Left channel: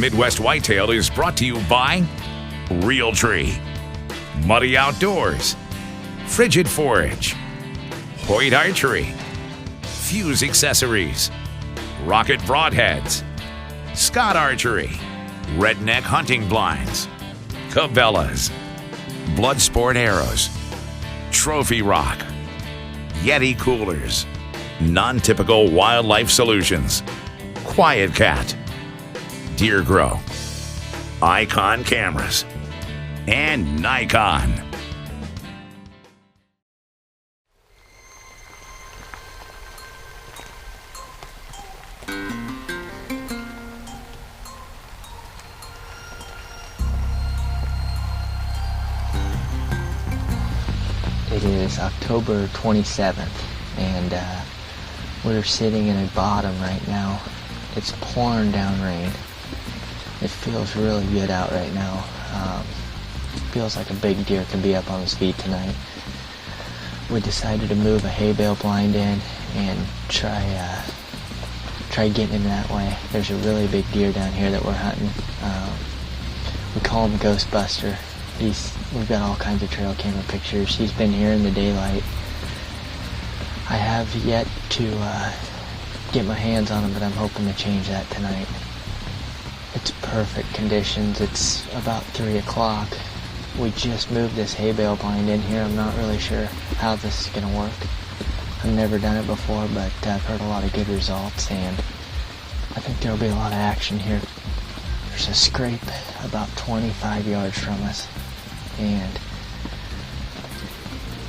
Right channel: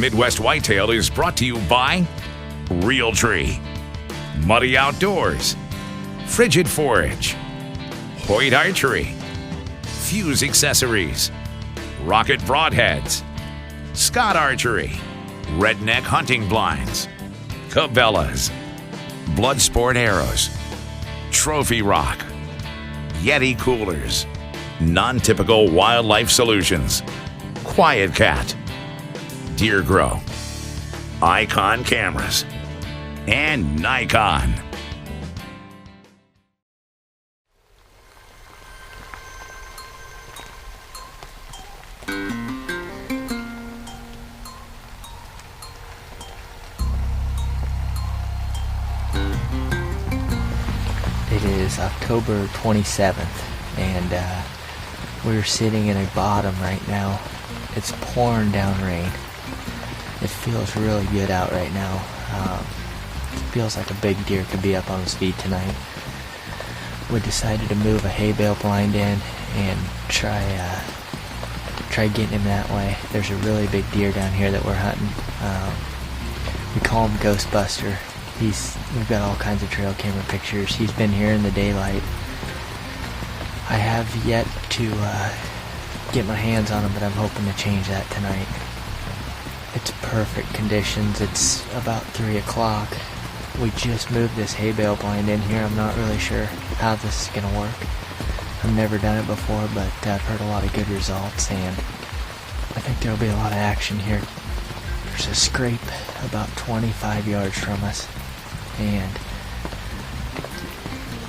Midwest Whitetail is brought to you by Real Tree, Muddy Outdoors, Frigid Forage, Hoyt Archery, Fuse Accessories, Rocket Broadheads, Scott Archery, Redneck Hunting Blinds, Cabela's, Bloodsport Arrows, Trophy Rock, Yeti Coolers, Non-Typical Wildlife Solutions, Quiet Cat, Deer Grow, Icon Cameras, and Nikon. It is October 27th, and we're sitting in a bottom right now. It's pouring down rain. It feels really good out right now. It feels like a big deer could be up on his feet tonight. We decided to move a hay bale blind in and try getting him that way. There's a really big deer down here that we're hunting. We call him Ghostbuster. We've got all kinds of trail camera pictures. He's been here in the daylight. I have yet to get my hands on him, but I'm hoping to change that tonight. It's perfect conditions. It's about 3 o'clock. We just moved this hay bale blind in here. I'm not really sure how this is going to work. I've never done it before, but I've heard a lot of good results, and I think there'll be a lot of action here. There's a scrape about 25 yards from us, and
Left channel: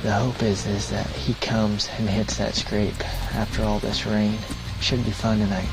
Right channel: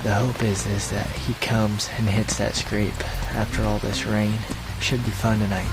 the hope is that he comes and hits that scrape after all this rain. Should be fun tonight.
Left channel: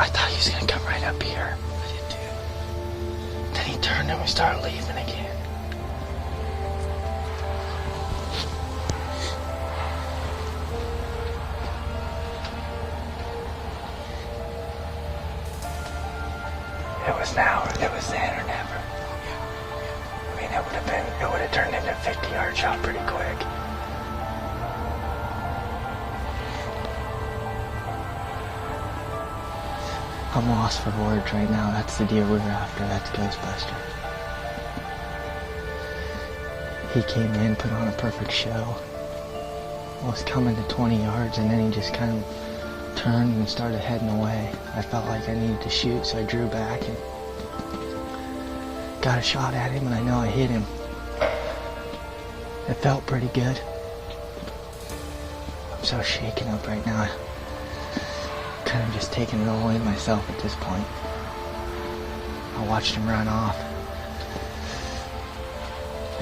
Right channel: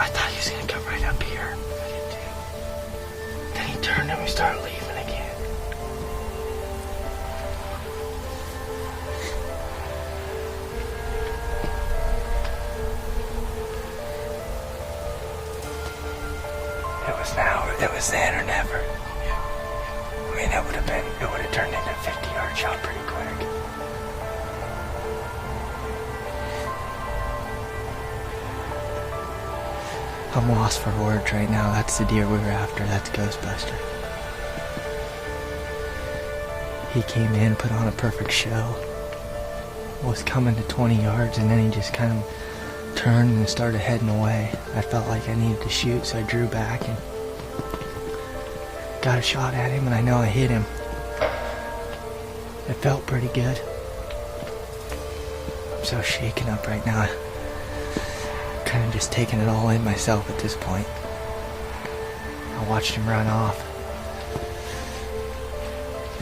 I thought he was going to come right up here. I did too. Then he turned and we started leaving again. It was then or never. I mean, it would have turned into a 50-yard shot pretty quick. I'm lost for words right now. That's the deer we were after. That's Ghostbuster. He came in, put on a perfect show. Was coming to 20 yards, and then he just kind of turned and started heading away. I felt like I needed to shoot, so I drew back and got a shot at him, and I know I hit him. It felt pretty good. I'm so shaken up right now. Kind of just taking it all in myself at this point. I watched him run off.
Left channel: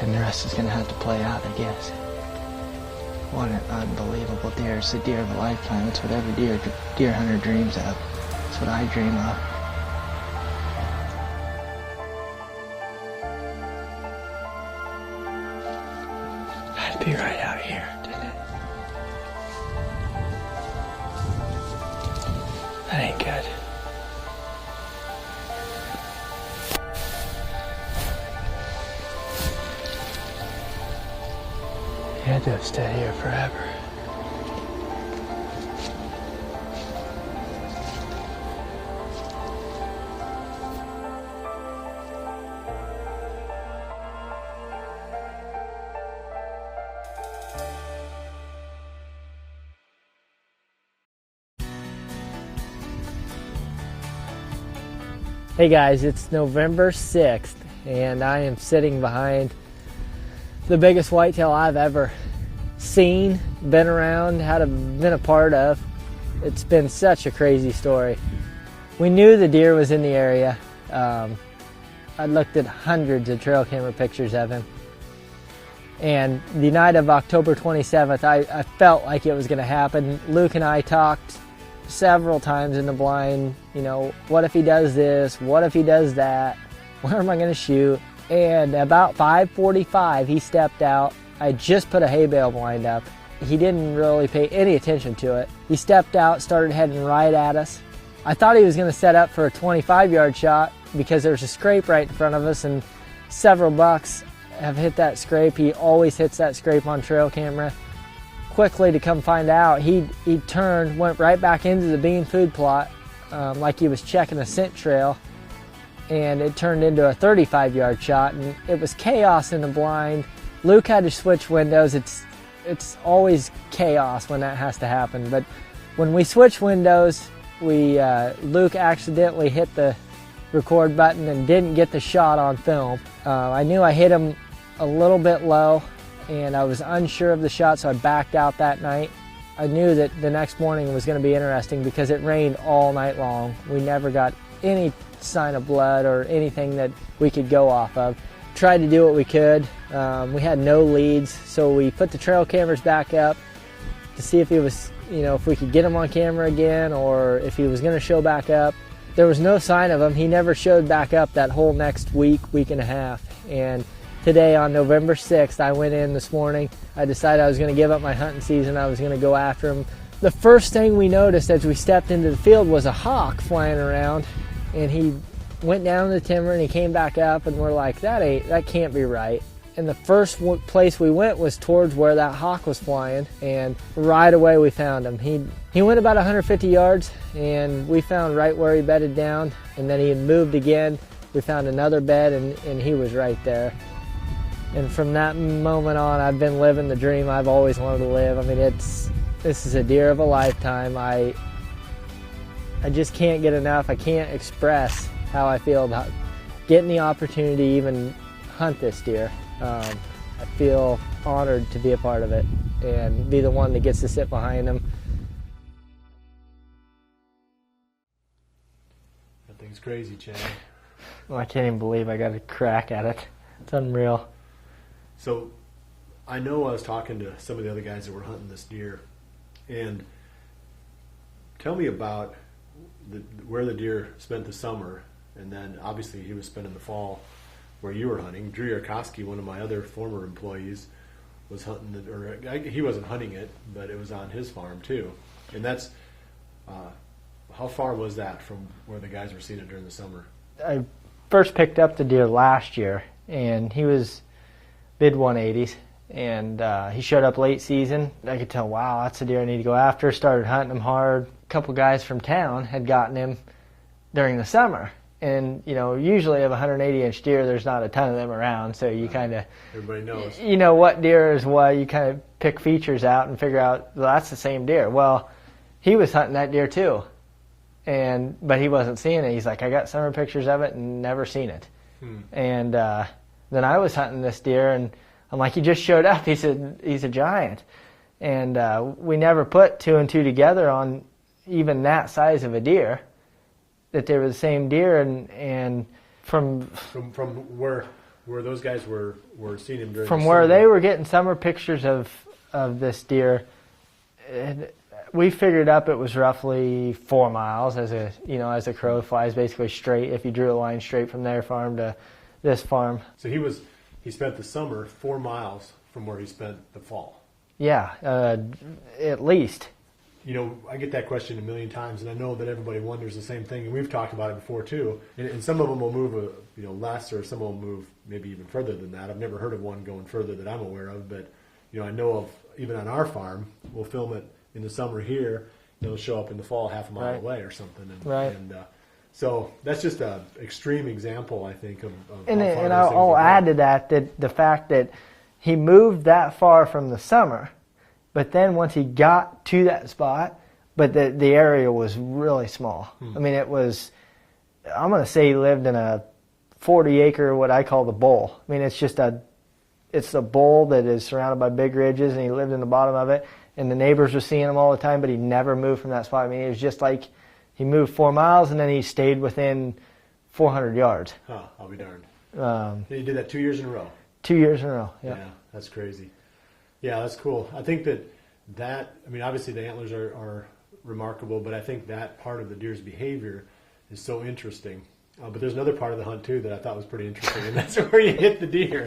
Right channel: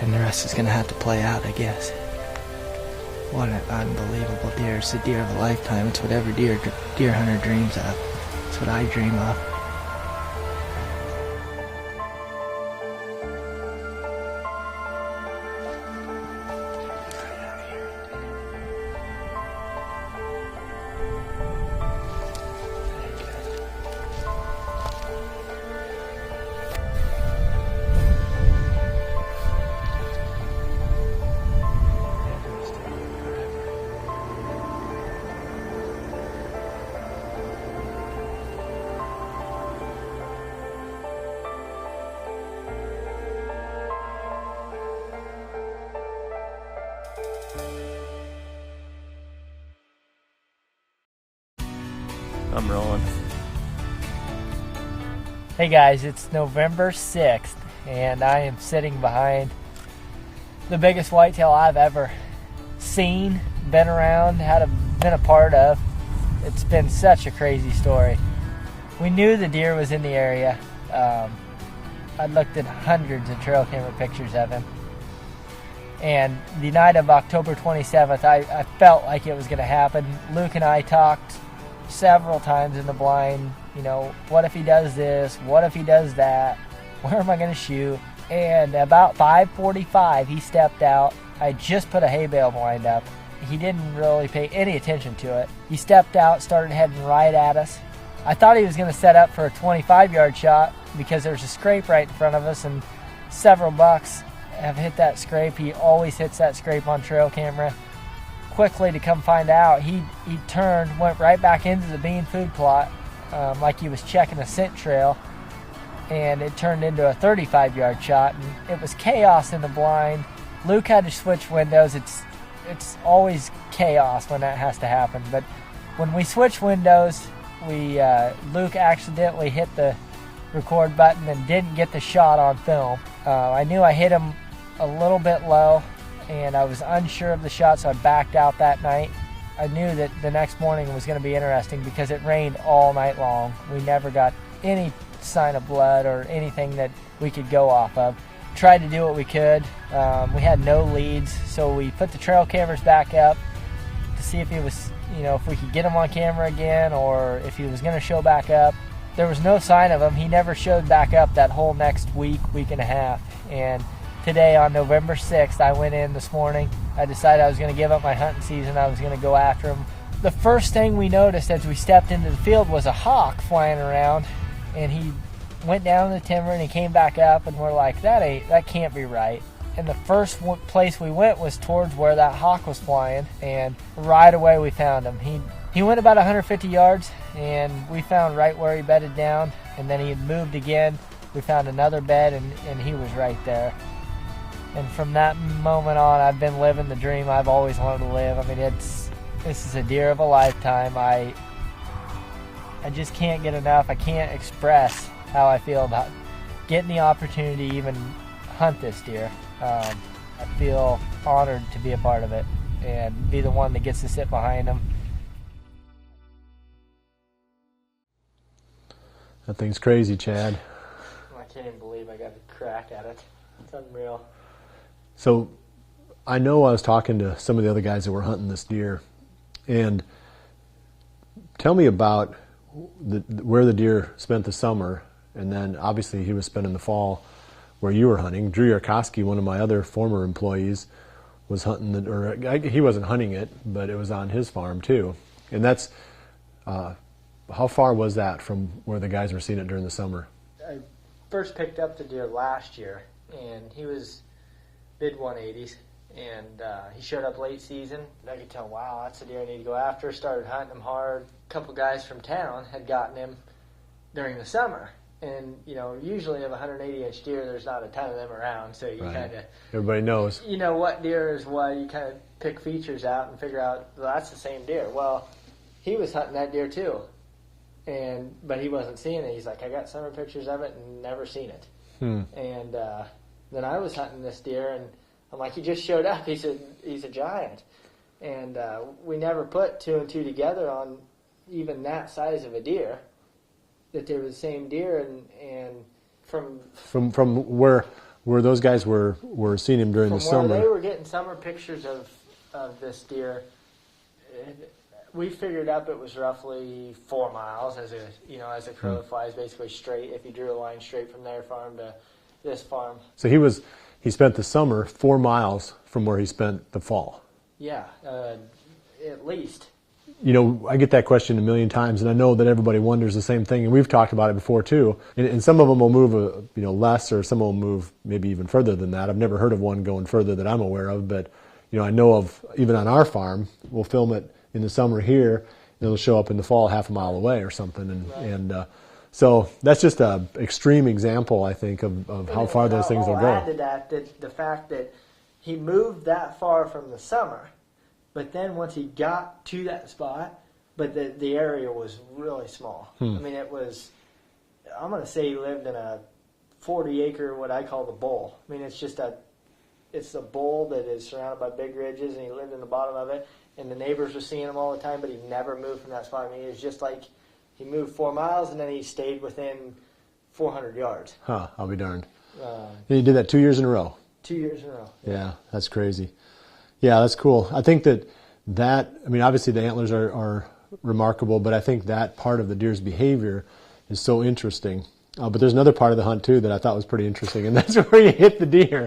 And the rest is going to have to play out, I guess. What an unbelievable deer. It's the deer of a lifetime. It's what every deer hunter dreams of. It's what I dream of. Had to be right out here, didn't it? That ain't good. He had to have stayed here forever. I'm rolling. Hey guys, it's November 6th, and I am sitting behind the biggest whitetail I've ever seen, been around, been a part of. It's been such a crazy story. We knew the deer was in the area. I looked at hundreds of trail camera pictures of him. And the night of October 27th, I felt like it was going to happen. Luke and I talked several times in the blind, you know, what if he does this? What if he does that? Where am I going to shoot? And about 5:45, he stepped out. I just put a hay bale blind up. He didn't really pay any attention to it. He stepped out, started heading right at us. I thought he was going to set up for a 25-yard shot because there's a scrape right in front of us, and several bucks have hit that scrape. He always hits that scrape on trail camera. Quickly to come find out, he turned, went right back into the bean food plot like he was checking a scent trail, and it turned into a 35-yard shot, and it was chaos in the blind. Luke had to switch windows. It's always chaos when that has to happen, but when we switched windows, Luke accidentally hit the record button and didn't get the shot on film. I knew I hit him a little bit low, and I was unsure of the shot, so I backed out that night. I knew that the next morning was going to be interesting because it rained all night long. We never got any sign of blood or anything that we could go off of. Tried to do what we could. We had no leads, so we put the trail cameras back up to see if he was, if we could get him on camera again or if he was going to show back up. There was no sign of him. He never showed back up that whole next week and a half. And today, on November 6th, I went in this morning. I decided I was going to give up my hunting season. I was going to go after him. The first thing we noticed as we stepped into the field was a hawk flying around, and he went down the timber and he came back up, and we're like, that can't be right. And the first place we went was towards where that hawk was flying, and right away we found him. He went about 150 yards, and we found right where he bedded down, and then he had moved again. We found another bed, and he was right there. And from that moment on, I've been living the dream I've always wanted to live. I mean, this is a deer of a lifetime. I just can't get enough. I can't express how I feel about getting the opportunity to even hunt this deer. I feel honored to be a part of it and be the one that gets to sit behind him. That thing's crazy, Chad. Well, I can't even believe I got a crack at it. It's unreal. So I know I was talking to some of the other guys that were hunting this deer, and tell me about where the deer spent the summer, and then obviously he was spending the fall where you were hunting. Drew Yarkowski, one of my other former employees, was hunting he wasn't hunting it, but it was on his farm too. And that's how far was that from where the guys were seeing it during the summer? I first picked up the deer last year, and he was mid-180s, and he showed up late season. I could tell, wow, that's a deer I need to go after. Started hunting him hard. A couple guys from town had gotten him during the summer, and usually of a 180-inch deer, there's not a ton of them around, so you kind of, everybody knows, what deer is what. You kind of pick features out and figure out, well, that's the same deer. Well, he was hunting that deer too, but he wasn't seeing it. He's like, I got summer pictures of it and never seen it. And then I was hunting this deer, and I'm like, he just showed up. He said, he's a giant. And we never put two and two together on even that size of a deer, that they were the same deer. And From where those guys were seeing him during the summer. From where they were getting summer pictures of this deer, we figured up it was roughly 4 miles as a crow flies, basically straight. If you drew a line straight from their farm to this farm. So he spent the summer 4 miles from where he spent the fall. Yeah, at least. I get that question a million times, and I know that everybody wonders the same thing, and we've talked about it before too. And some of them will move, less, or some will move maybe even further than that. I've never heard of one going further that I'm aware of, but I know of, even on our farm, we'll film it in the summer here, and it'll show up in the fall half a mile away or something. And so that's just an extreme example, I think, of how far those things will go. I'll add to that the fact that he moved that far from the summer. But then once he got to that spot, but the area was really small. I mean, it was, I'm going to say he lived in a 40-acre, what I call the bowl. I mean, it's a bowl that is surrounded by big ridges, and he lived in the bottom of it, and the neighbors were seeing him all the time, but he never moved from that spot. I mean, it was just like he moved 4 miles, and then he stayed within 400 yards. Huh, I'll be darned. He did that 2 years in a row. 2 years in a row. Yeah, that's crazy. Yeah, that's cool. I think that I mean, obviously the antlers are remarkable, but I think that part of the deer's behavior is so interesting. But there's another part of the hunt too that I thought was pretty interesting, and that's where you hit the deer.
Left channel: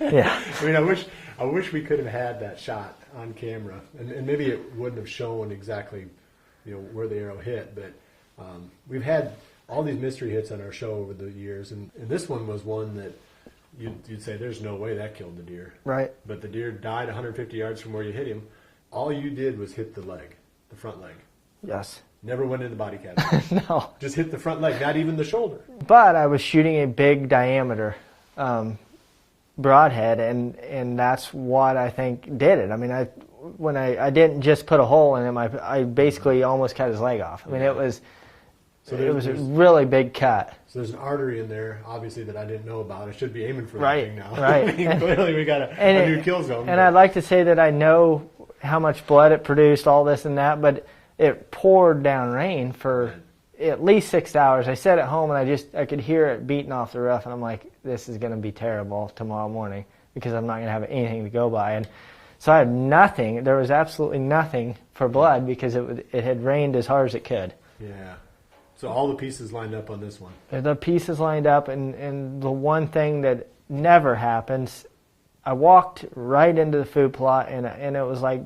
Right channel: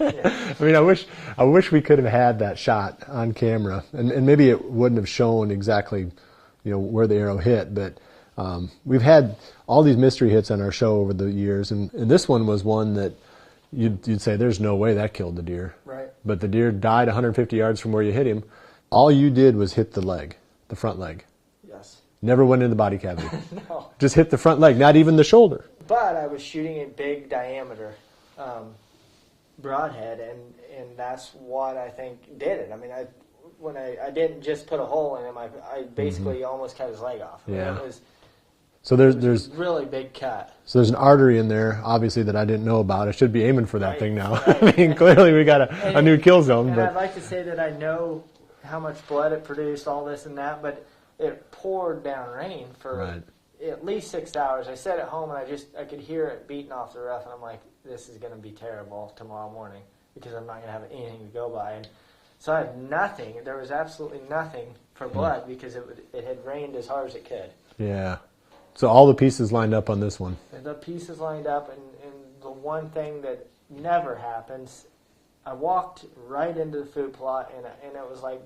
Yeah. I mean, I wish we could have had that shot on camera, and maybe it wouldn't have shown exactly, where the arrow hit. But we've had all these mystery hits on our show over the years, and this one was one that you'd say there's no way that killed the deer. Right. But the deer died 150 yards from where you hit him. All you did was hit the leg, the front leg. Yes. Never went in the body cavity. No. Just hit the front leg, not even the shoulder. But I was shooting a big diameter broadhead, and that's what I think did it. I mean, I didn't just put a hole in him. I basically almost cut his leg off. I mean, it was a really big cut. So there's an artery in there, obviously, that I didn't know about. I should be aiming for that thing now. Right. I mean, clearly we got a new kill zone. And I'd like to say that I know how much blood it produced, all this and that, but it poured down rain for at least 6 hours. I sat at home and I could hear it beating off the roof, and I'm like, this is going to be terrible tomorrow morning because I'm not going to have anything to go by. And so I had nothing. There was absolutely nothing for blood because it had rained as hard as it could. Yeah. So all the pieces lined up on this one. The pieces lined up, and the one thing that never happens, I walked right into the food plot, and it was like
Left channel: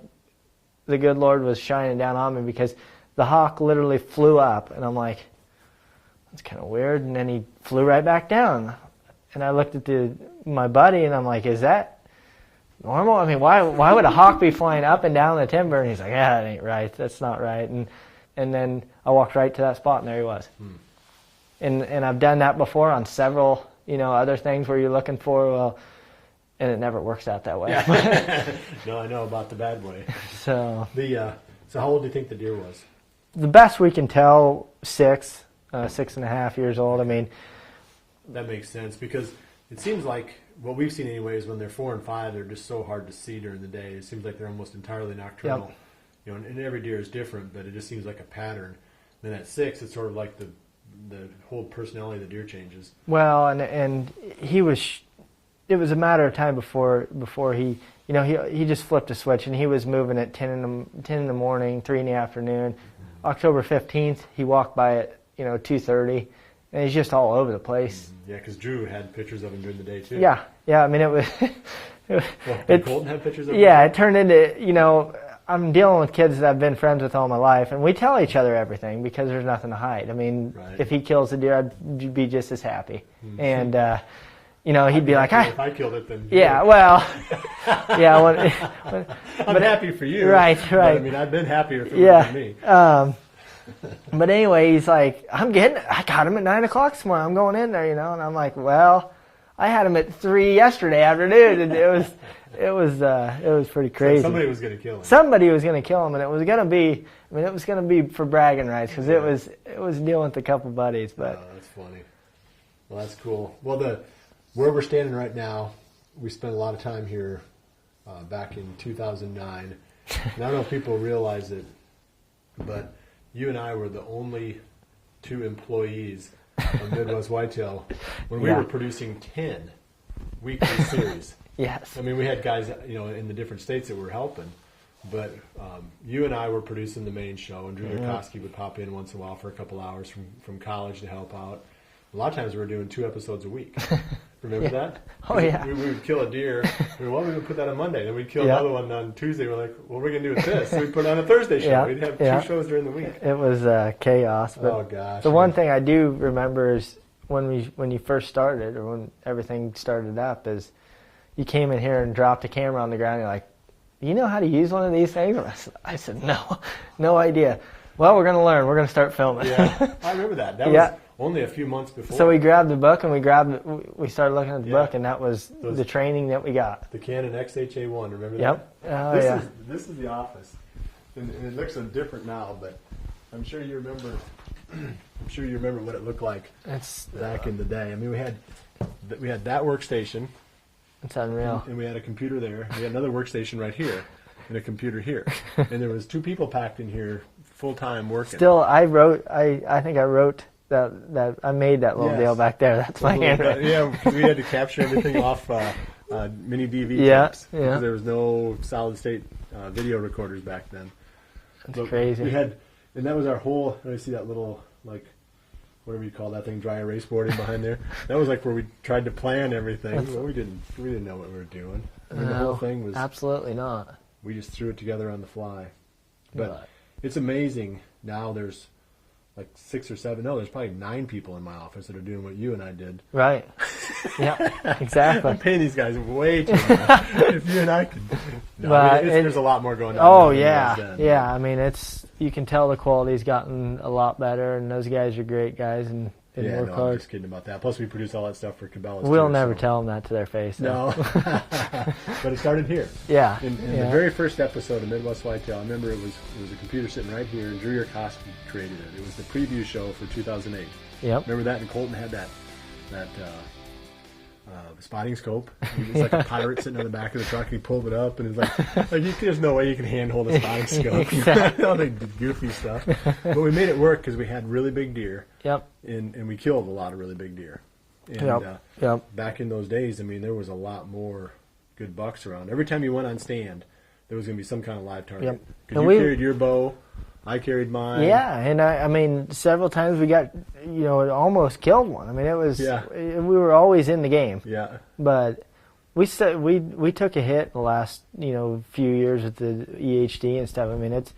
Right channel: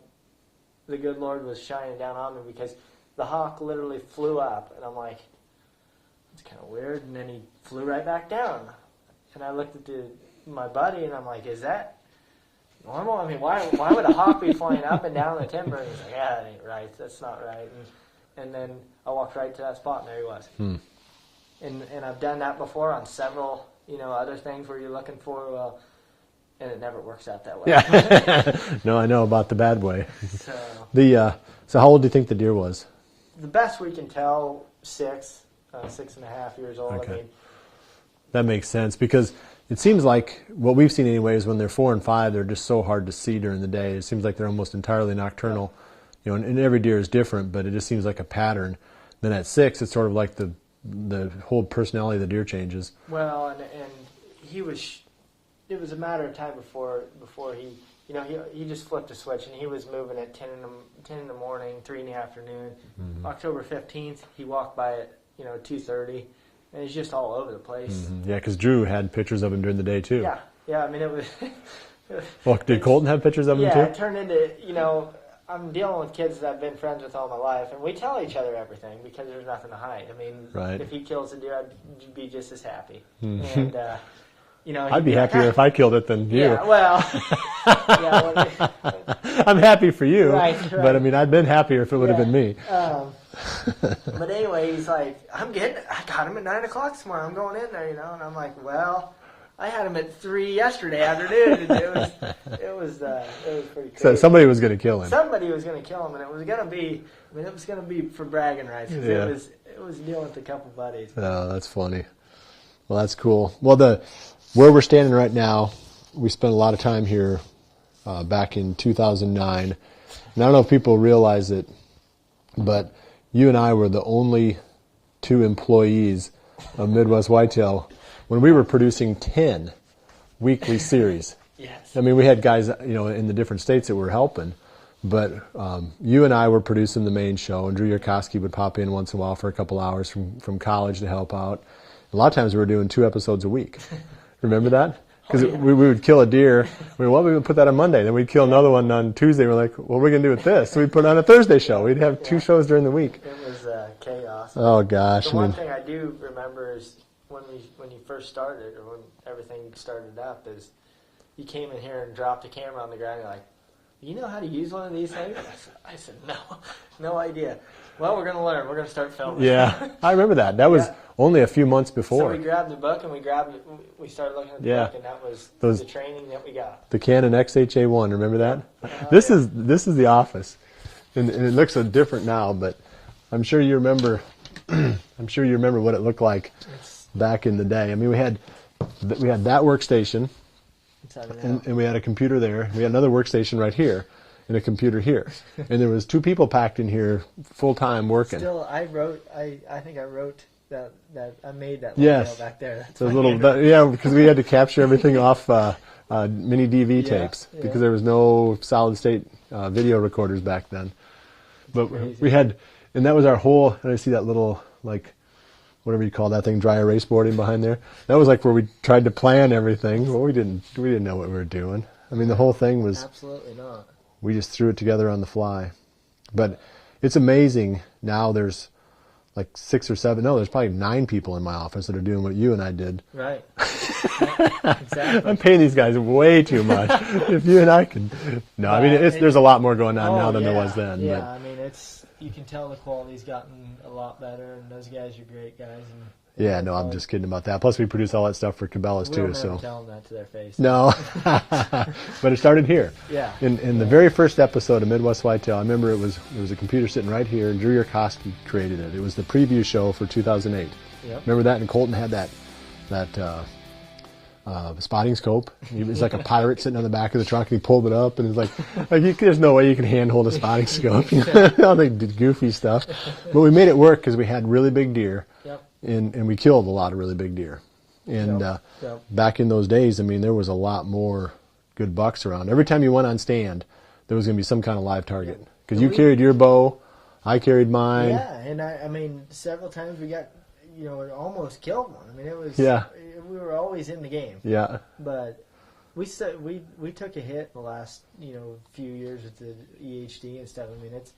the good Lord was shining down on me because the hawk literally flew up, and I'm like, that's kind of weird, and then he flew right back down. And I looked at my buddy, and I'm like, is that normal? I mean, why would a hawk be flying up and down the timber? And he's like, yeah, that ain't right. That's not right. And then I walked right to that spot, and there he was. And I've done that before on several, other things where you're looking for, and it never works out that way. Yeah. No, I know about the bad way. So so how old do you think the deer was? The best we can tell, 6.5 years old. Okay. I mean, that makes sense because it seems like what we've seen anyways, when they're 4 and 5, they're just so hard to see during the day. It seems like they're almost entirely nocturnal. Yep. And every deer is different, but it just seems like a pattern. Then at 6, it's sort of like the whole personality of the deer changes. Well, and he was. It was a matter of time before he, he just flipped a switch, and he was moving at 10 in the morning, 3 in the afternoon. October 15th, he walked by at 2:30, and he's just all over the place. Yeah, because Drew had pictures of him during the day too. Yeah. I mean, it was. Well, did Colton have pictures of him too? Yeah, it turned into I'm dealing with kids that I've been friends with all my life, and we tell each other everything because there's nothing to hide. I mean, if he kills a deer, I'd be just as happy. And he'd be like, if I killed it, then yeah, well, yeah. I'm happy for you, right? But I mean, I'd been happier if it would have been me. But anyway, he's like, I got him at 9 o'clock this morning. I'm going in there, and I'm like, well, I had him at 3 yesterday afternoon, and it was pretty crazy. So somebody was going to kill him. Somebody was going to kill him, and it was going to be for bragging rights because it was dealing with a couple buddies. But. Oh, that's funny. Well, that's cool. Well, where we're standing right now, we spent a lot of time here back in 2009. And I don't know if people realize it, but you and I were the only 2 employees of Midwest Whitetail when we were producing 10 weekly series. Yes. I mean, we had guys, in the different states that were helping, but you and I were producing the main show, and Drew Yarkowski would pop in once in a while for a couple hours from college to help out. A lot of times we were doing 2 episodes a week. Remember that? Because we would kill a deer. We would put that on Monday. Then we'd kill another one on Tuesday. We're like, what are we going to do with this? So we'd put on a Thursday show. We'd have 2 shows during the week. It was chaos. Oh, gosh. The one thing I do remember is when you first started, or when everything started up, is you came in here and dropped a camera on the ground. And you're like, you know how to use one of these things? I said, no idea. Well, we're going to learn. We're going to start filming. Yeah, I remember that. That was only a few months before. So we grabbed the book and we started looking at the book, and that was the training that we got. The Canon XHA1, remember that? Yep. This is the office, and it looks so different now, but I'm sure you remember. I'm sure you remember what it looked like back in the day. I mean, we had that workstation. It's unreal. And we had a computer there. We had another workstation right here, and a computer here, and there was 2 people packed in here full time working. Still, I think I wrote that I made that little deal back there. That's my handwriting. Because we had to capture everything off mini DV tapes because there was no solid state video recorders back then. That's crazy. We had, and that was our whole. And I see that little whatever you call that thing, dry erase boarding behind there. That was where we tried to plan everything. Well, we didn't know what we were doing. I mean, the whole thing was absolutely not. We just threw it together on the fly. But it's amazing now. There's 6 or 7. No, there's probably 9 people in my office that are doing what you and I did. Right. Yeah, exactly. I'm paying these guys way too much. If you and I could. No, I mean, there's a lot more going on now than there was then. Yeah, I mean, you can tell the quality's gotten a lot better, and those guys are great guys. And yeah, no, I'm just kidding about that. Plus, we produce all that stuff for Cabela's, we'll never tell them that to their face. No. But it started here. Yeah. In the very first episode of Midwest Whitetail, I remember it was a computer sitting right here, and Drew Yarkowski created it. It was the preview show for 2008. Yep. Remember that? And Colton had that spotting scope. He was like a pirate sitting on the back of the truck, and he pulled it up, and he's there's no way you can handhold a spotting scope. All the goofy stuff. But we made it work because we had really big deer. Yep. And we killed a lot of really big deer. And back in those days, I mean, there was a lot more good bucks around. Every time you went on stand, there was going to be some kind of live target. Because you carried your bow, I carried mine. Yeah, and I mean, several times we got, almost killed one. I mean, it was, we were always in the game. Yeah. But we took a hit in the last, few years with the EHD and stuff. I mean, it's,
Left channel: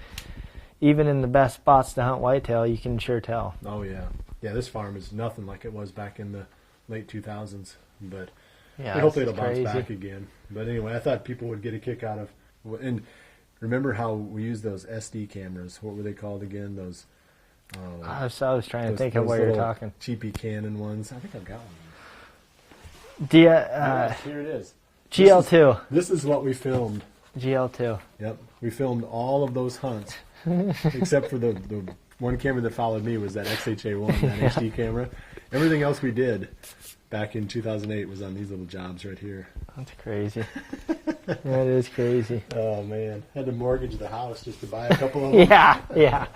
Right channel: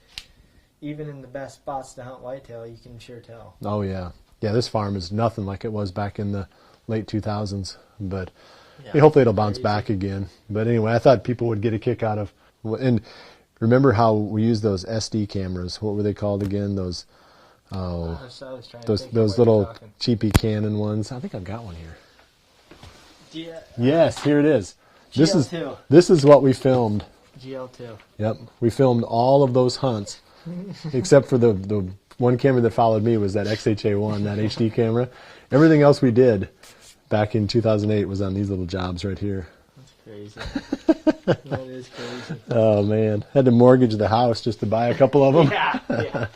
even in the best spots to hunt whitetail, you can sure tell. Oh, yeah. Yeah, this farm is nothing like it was back in the late 2000s. But hopefully it'll bounce back again. But anyway, I thought people would get a kick out of... And remember how we used those SD cameras? What were they called again? Those... I was trying to think of those what little you're talking. cheapy Canon ones. I think I've got one here. Yes, here it is. GL2. This is what we filmed. GL2. Yep. We filmed all of those hunts. Except for the one camera that followed me was that XHA1, that HD camera. Everything else we did back in 2008 was on these little jobs right here. That's crazy. That is crazy. Oh, man. Had to mortgage the house just to buy a couple of them. Yeah.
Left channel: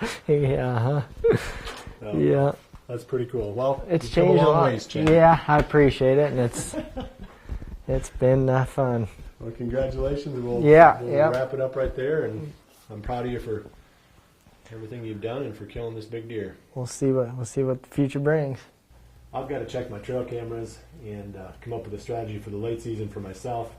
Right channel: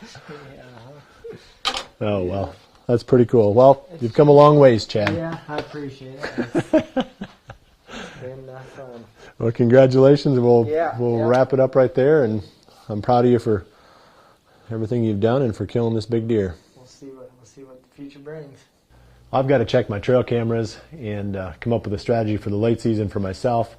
Oh, well. That's pretty cool. Well, you've come a long ways, Chad. Yeah, I appreciate it. And it's been fun. Well, congratulations. We'll wrap it up right there. And I'm proud of you for everything you've done and for killing this big deer. We'll see what the future brings. I've got to check my trail cameras and come up with a strategy for the late season for myself.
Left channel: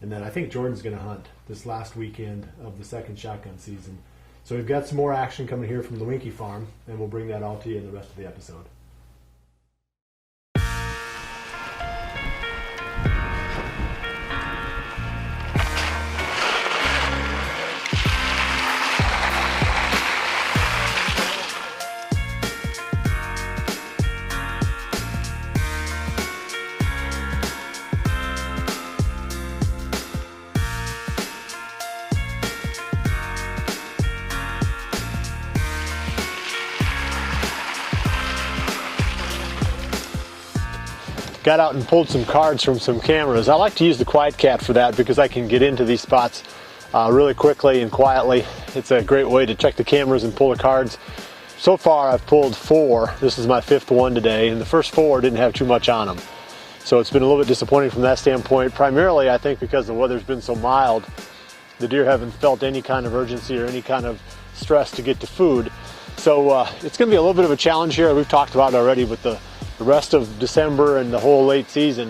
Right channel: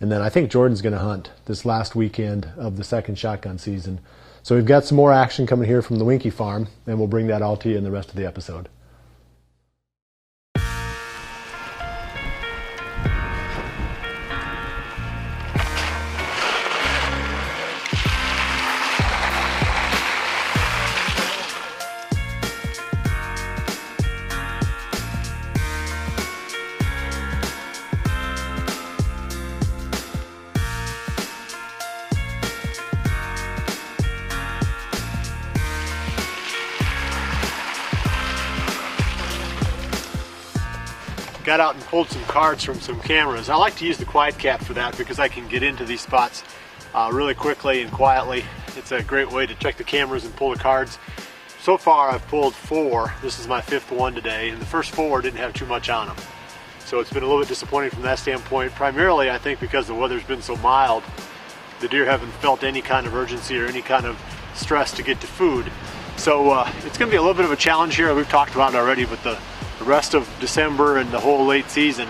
And then I think Jordan's going to hunt this last weekend of the second shotgun season. So we've got some more action coming here from the Winky Farm, and we'll bring that all to you in the rest of the episode. Got out and pulled some cards from some cameras. I like to use the Quiet Cat for that because I can get into these spots really quickly and quietly. It's a great way to check the cameras and pull the cards. So far I've pulled 4. This is my 5th one today, and the first 4 didn't have too much on them. So it's been a little bit disappointing from that standpoint. Primarily, I think because the weather's been so mild, the deer haven't felt any kind of urgency or any kind of stress to get to food. So it's going to be a little bit of a challenge here. We've talked about it already, but the rest of December and the whole late season,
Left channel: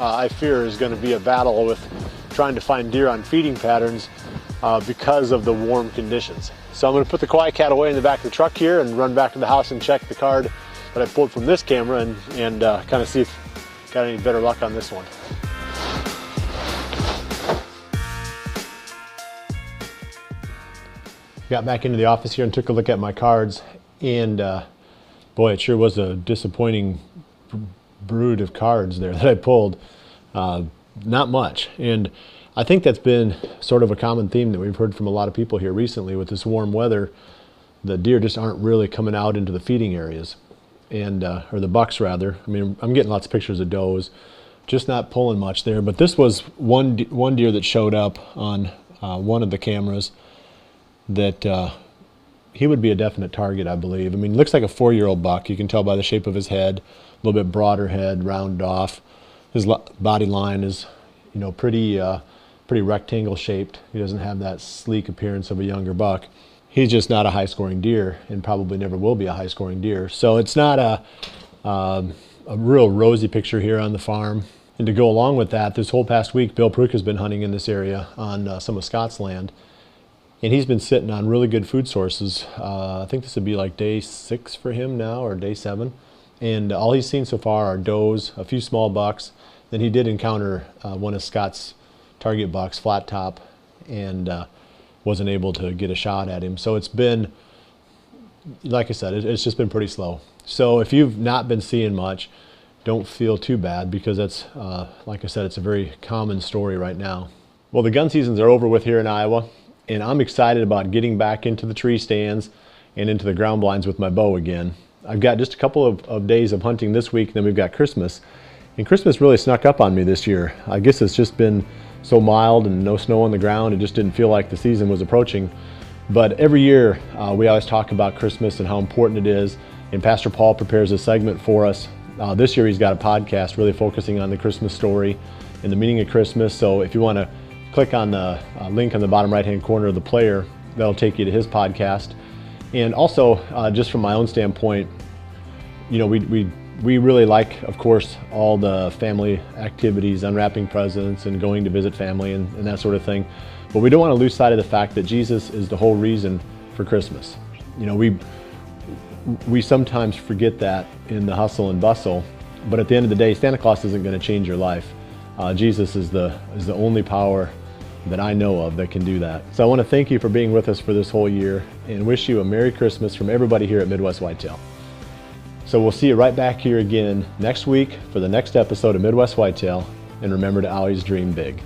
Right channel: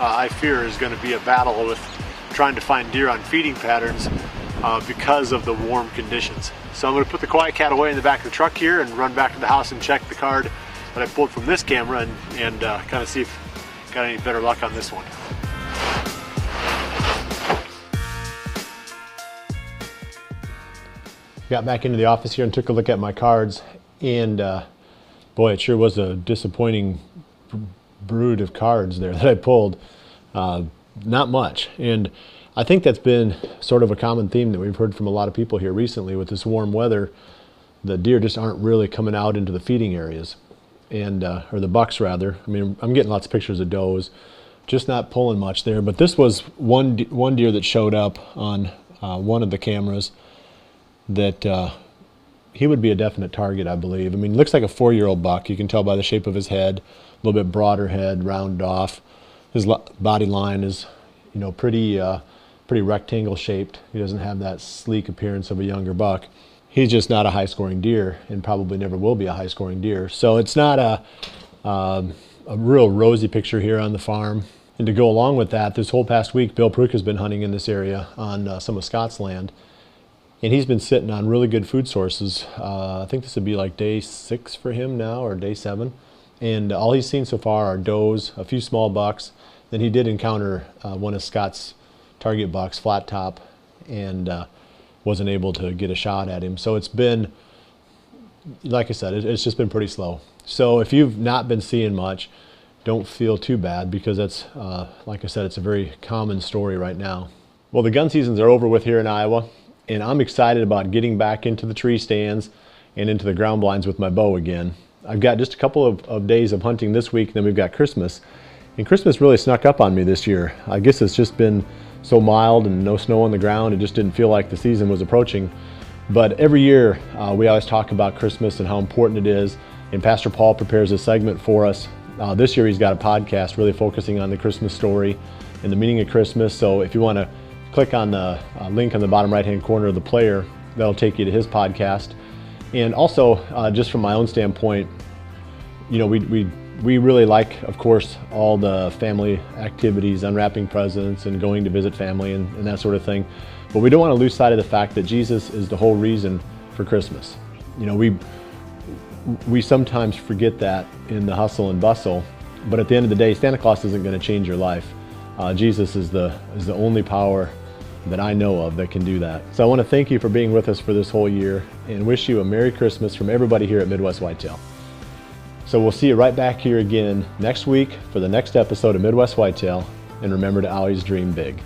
I fear, is going to be a battle with trying to find deer on feeding patterns because of the warm conditions. So I'm going to put the Quiet Cat away in the back of the truck here and run back to the house and check the card that I pulled from this camera and kind of see if I got any better luck on this one. Got back into the office here and took a look at my cards, and boy, it sure was a disappointing brood of cards there that I pulled. Not much, and I think that's been sort of a common theme that we've heard from a lot of people here recently. With this warm weather, the deer just aren't really coming out into the feeding areas, and or the bucks rather. I mean, I'm getting lots of pictures of does, just not pulling much there. But this was one deer that showed up on one of the cameras that he would be a definite target, I believe. I mean, looks like a 4-year-old buck. You can tell by the shape of his head, a little bit broader head, rounded off. His body line is, you know, pretty rectangle shaped. He doesn't have that sleek appearance of a younger buck. He's just not a high-scoring deer, and probably never will be a high-scoring deer. So it's not a real rosy picture here on the farm. And to go along with that, this whole past week, Bill Pruitt has been hunting in this area on some of Scott's land. And he's been sitting on really good food sources. I think this would be like day 6 for him now, or day 7. And all he's seen so far are does, a few small bucks. Then he did encounter one of Scott's target bucks, flat top, and wasn't able to get a shot at him. So it's been, like I said, it's just been pretty slow. So if you've not been seeing much, don't feel too bad, because that's, like I said, it's a very common story right now. Well, the gun seasons are over with here in Iowa. And I'm excited about getting back into the tree stands and into the ground blinds with my bow again. I've got just a couple of days of hunting this week, and then we've got Christmas. And Christmas really snuck up on me this year. I guess it's just been so mild and no snow on the ground. It just didn't feel like the season was approaching. But every year we always talk about Christmas and how important it is. And Pastor Paul prepares a segment for us. This year he's got a podcast really focusing on the Christmas story and the meaning of Christmas. So if you want to click on the link on the bottom right hand corner of the player, that'll take you to his podcast. And also, just from my own standpoint, you know, we really like, of course, all the family activities, unwrapping presents and going to visit family and that sort of thing. But we don't want to lose sight of the fact that Jesus is the whole reason for Christmas. You know, we sometimes forget that in the hustle and bustle, but at the end of the day, Santa Claus isn't going to change your life. Jesus is the only power that I know of that can do that. So I want to thank you for being with us for this whole year and wish you a Merry Christmas from everybody here at Midwest Whitetail. So we'll see you right back here again next week for the next episode of Midwest Whitetail, and remember to always dream big.